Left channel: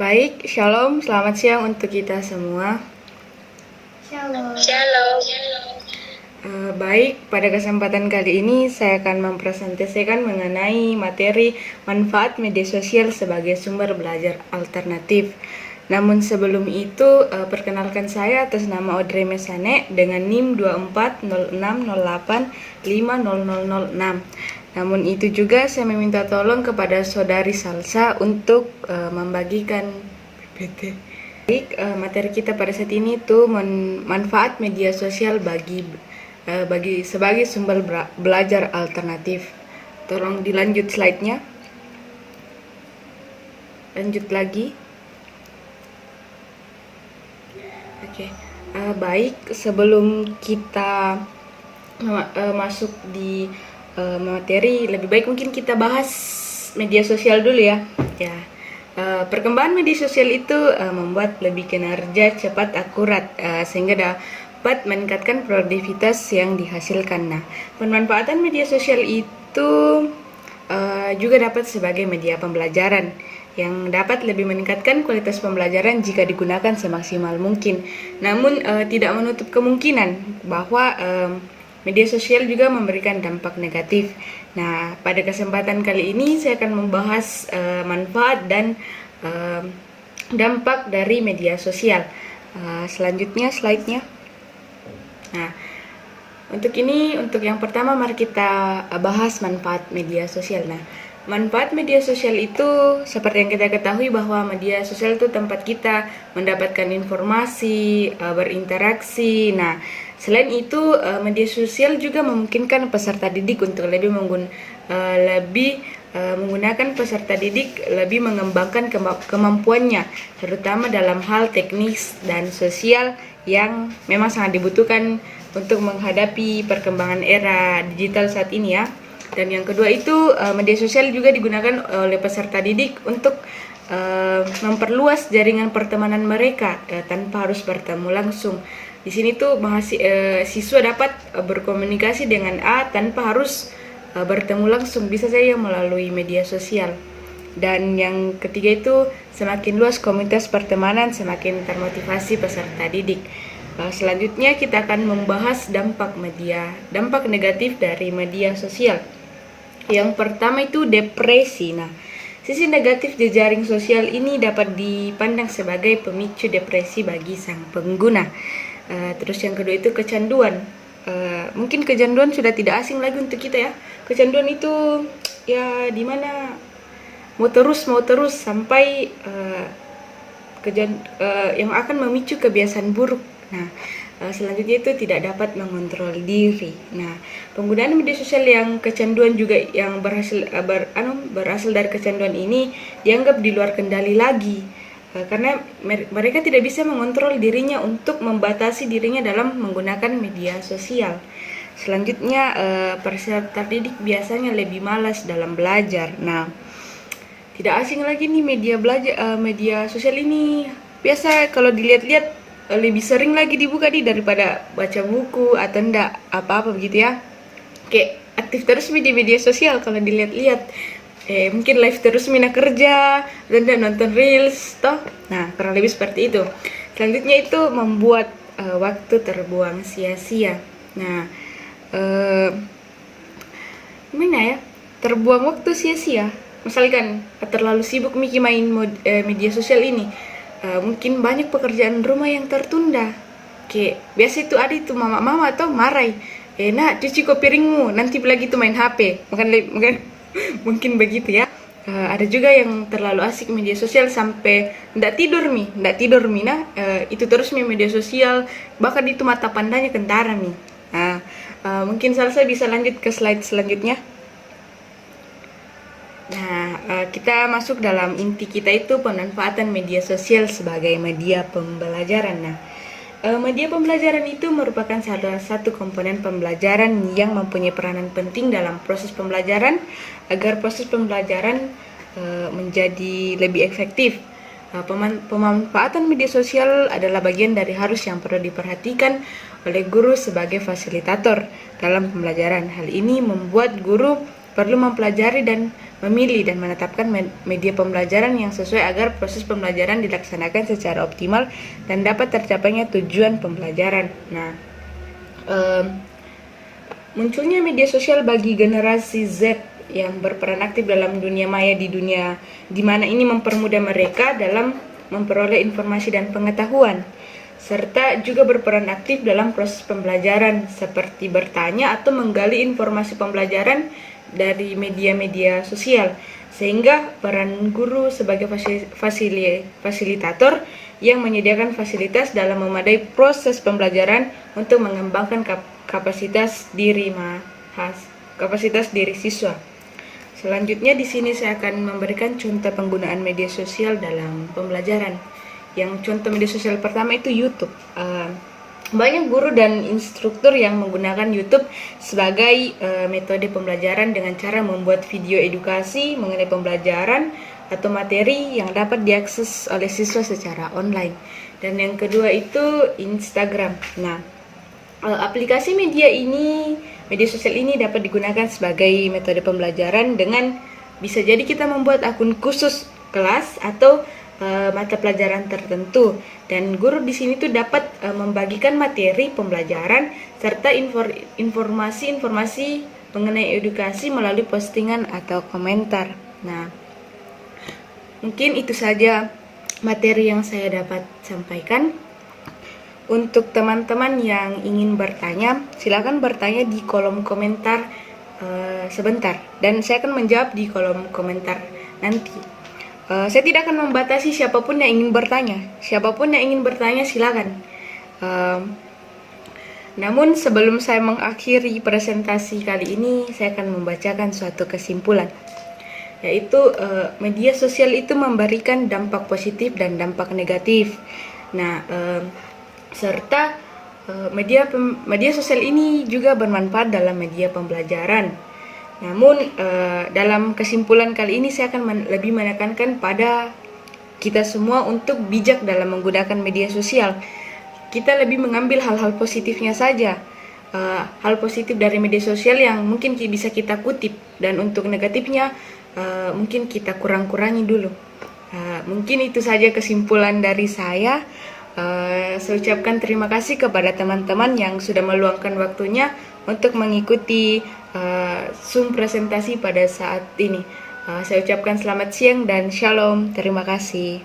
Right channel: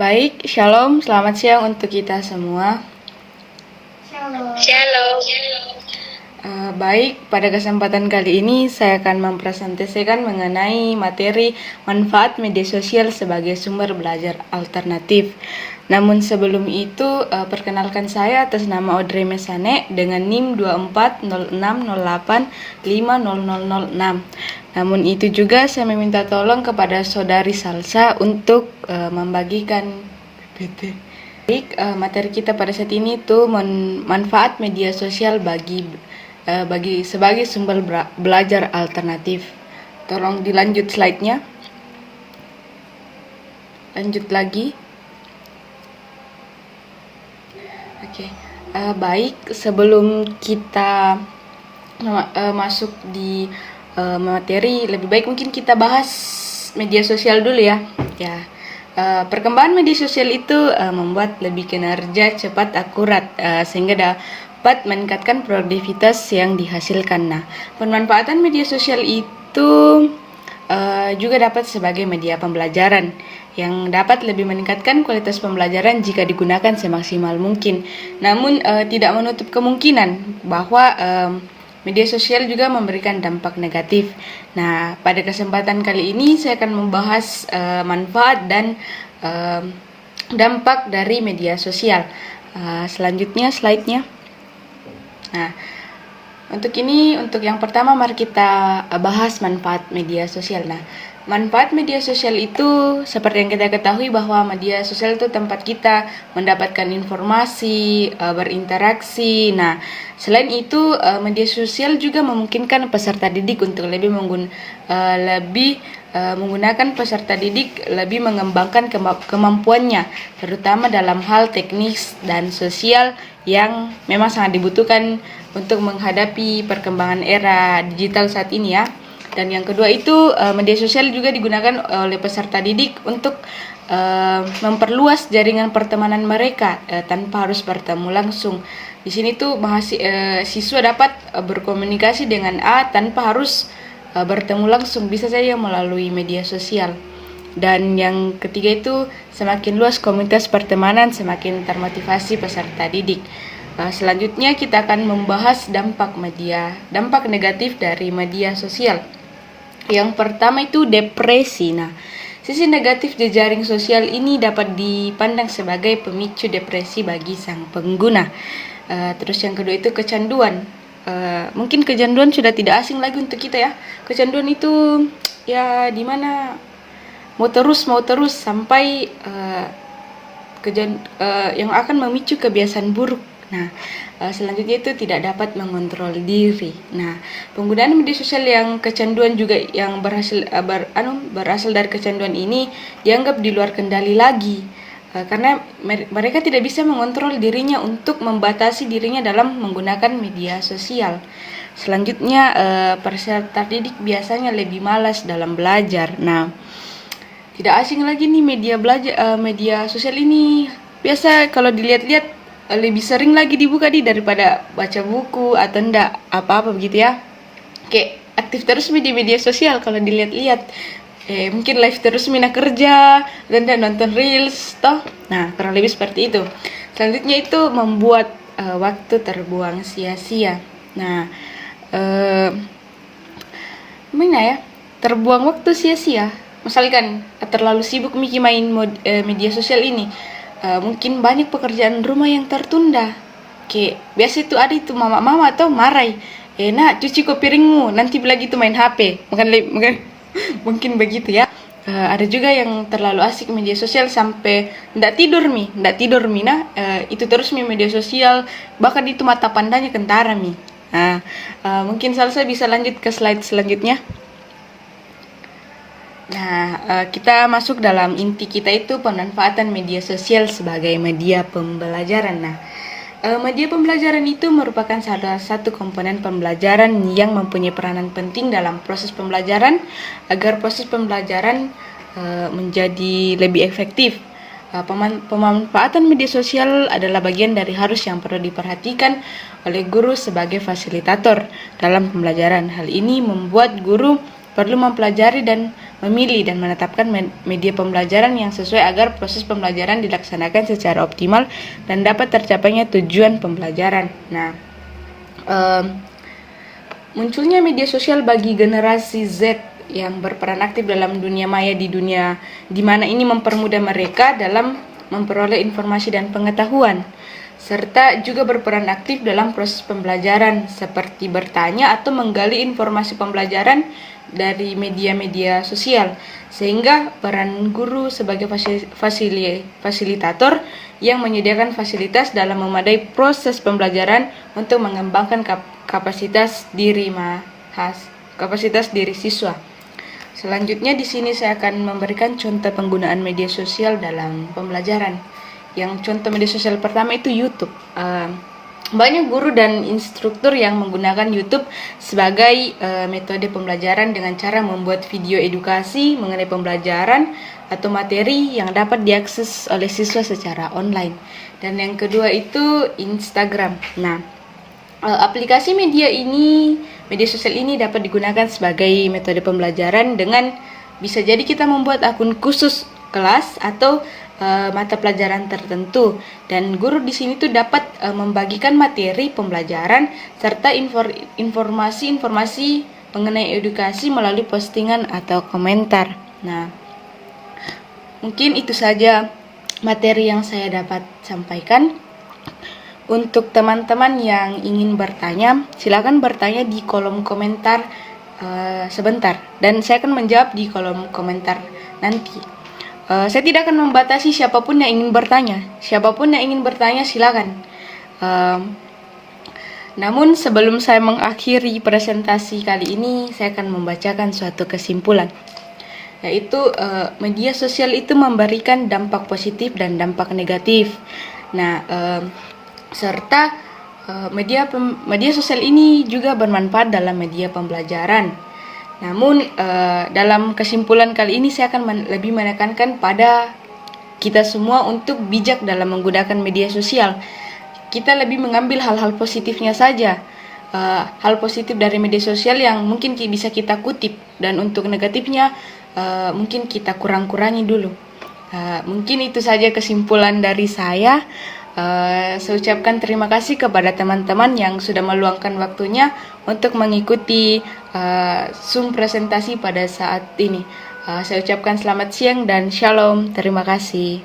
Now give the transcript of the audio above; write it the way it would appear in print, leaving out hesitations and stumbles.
Baik, shalom, selamat siang untuk kita semua. Shalom. Baik, pada kesempatan kali ini saya akan mempresentasikan mengenai materi manfaat media sosial sebagai sumber belajar alternatif. Namun sebelum itu, perkenalkan saya atas nama Audrey Mesane dengan NIM 240608500006. Namun itu juga saya meminta tolong kepada saudari Salsa untuk membagikan PT. Baik, materi kita pada saat ini tuh manfaat media sosial bagi sebagai sumber belajar alternatif. Tolong dilanjut slide-nya. Lanjut lagi. Oke. Baik, sebelum kita masuk di materi, lebih baik mungkin kita bahas media sosial dulu ya. Perkembangan media sosial itu membuat lebih kinerja cepat, akurat, sehingga dapat meningkatkan produktivitas yang dihasilkan. Nah, pemanfaatan media sosial itu juga dapat sebagai media pembelajaran yang dapat lebih meningkatkan kualitas pembelajaran jika digunakan semaksimal mungkin. Namun tidak menutup kemungkinan bahwa media sosial juga memberikan dampak negatif. Nah, pada kesempatan kali ini saya akan membahas manfaat dan dampak dari media sosial. Selanjutnya slide-nya. Nah, untuk yang pertama mari kita bahas manfaat media sosial. Nah, manfaat media sosial itu seperti yang kita ketahui bahwa media sosial itu tempat kita mendapatkan informasi, berinteraksi. Nah, selain itu media sosial juga memungkinkan peserta didik untuk lebih menggunakan peserta didik lebih mengembangkan kemampuannya, terutama dalam hal teknis dan sosial yang memang sangat dibutuhkan untuk menghadapi perkembangan era digital saat ini ya. Dan yang kedua itu media sosial juga digunakan oleh peserta didik untuk memperluas jaringan pertemanan mereka tanpa harus bertemu langsung. Di sini tuh siswa dapat berkomunikasi dengan A tanpa harus bertemu langsung, bisa saja melalui media sosial. Dan yang ketiga itu semakin luas komunitas pertemanan, semakin termotivasi peserta didik. Selanjutnya kita akan membahas dampak negatif dari media sosial. Yang pertama itu depresi. Nah, sisi negatif jejaring sosial ini dapat dipandang sebagai pemicu depresi bagi sang pengguna. Terus yang kedua itu kecanduan. Mungkin kecanduan sudah tidak asing lagi untuk kita ya. Kecanduan itu ya dimana mau terus sampai yang akan memicu kebiasaan buruk. Nah, selanjutnya itu tidak dapat mengontrol diri. Nah, penggunaan media sosial yang kecanduan juga yang berasal dari kecanduan ini dianggap di luar kendali lagi. Karena mereka tidak bisa mengontrol dirinya untuk membatasi dirinya dalam menggunakan media sosial. Selanjutnya, peserta didik biasanya lebih malas dalam belajar. Nah, tidak asing lagi nih media sosial ini. Biasa kalau dilihat-lihat lebih sering lagi dibuka daripada baca buku atau enggak apa-apa begitu ya. Kayak aktif terus di media sosial kalau dilihat-lihat. Mungkin live terus mina kerja dan nonton reels toh. Nah, kurang lebih seperti itu. Selanjutnya itu membuat waktu terbuang sia-sia. Nah, gimana ya? Terbuang waktu sia-sia. Misalkan terlalu sibuk main media sosial ini, mungkin banyak pekerjaan rumah yang tertunda. Kayak biasa itu ada itu mama atau marai. Nak cuci kok piringmu, nanti lagi tuh main HP. Mungkin begitu ya. Ada juga yang terlalu asik media sosial sampai ndak tidur Nah, itu terus media sosial, bahkan itu mata pandanya kentara Nah, mungkin Salsa bisa lanjut ke slide selanjutnya. Nah, kita masuk dalam inti kita itu pemanfaatan media sosial sebagai media pembelajaran. Nah, media pembelajaran itu merupakan salah satu komponen pembelajaran yang mempunyai peranan penting dalam proses pembelajaran agar proses pembelajaran menjadi lebih efektif. Pemanfaatan media sosial adalah bagian dari harus yang perlu diperhatikan oleh guru sebagai fasilitator dalam pembelajaran. Hal ini membuat guru perlu mempelajari dan memilih dan menetapkan media pembelajaran yang sesuai agar proses pembelajaran dilaksanakan secara optimal dan dapat tercapainya tujuan pembelajaran. Nah, munculnya media sosial bagi generasi Z yang berperan aktif dalam dunia maya di mana ini mempermudah mereka dalam memperoleh informasi dan pengetahuan, serta juga berperan aktif dalam proses pembelajaran seperti bertanya atau menggali informasi pembelajaran dari media-media sosial, sehingga peran guru sebagai fasilitator yang menyediakan fasilitas dalam memadai proses pembelajaran untuk mengembangkan kapasitas diri siswa. Selanjutnya di sini saya akan memberikan contoh penggunaan media sosial dalam pembelajaran. Yang contoh media sosial pertama itu YouTube. Banyak guru dan instruktur yang menggunakan YouTube sebagai metode pembelajaran dengan cara membuat video edukasi mengenai pembelajaran atau materi yang dapat diakses oleh siswa secara online. Dan yang kedua itu Instagram. Nah, aplikasi media sosial ini dapat digunakan sebagai metode pembelajaran dengan bisa jadi kita membuat akun khusus kelas atau mata pelajaran tertentu, dan guru di sini tuh dapat membagikan materi pembelajaran serta informasi-informasi mengenai edukasi melalui postingan atau komentar. Nah, mungkin itu saja materi yang saya dapat sampaikan. Untuk teman-teman yang ingin bertanya, silakan bertanya di kolom komentar sebentar, dan saya akan menjawab di kolom komentar nanti. Saya tidak akan membatasi siapapun yang ingin bertanya. Siapapun yang ingin bertanya silakan. Namun sebelum saya mengakhiri presentasi kali ini, saya akan membacakan suatu kesimpulan, yaitu media sosial itu memberikan dampak positif dan dampak negatif. Nah, serta media sosial ini juga bermanfaat dalam media pembelajaran. Namun dalam kesimpulan kali ini saya akan lebih menekankan pada kita semua untuk bijak dalam menggunakan media sosial. Kita lebih mengambil hal-hal positifnya saja, hal positif dari media sosial yang mungkin bisa kita kutip, dan untuk negatifnya mungkin kita kurang-kurangi dulu. Mungkin itu saja kesimpulan dari saya. Saya ucapkan terima kasih kepada teman-teman yang sudah meluangkan waktunya untuk mengikuti Zoom presentasi pada saat ini. Saya ucapkan selamat siang dan shalom. Terima kasih.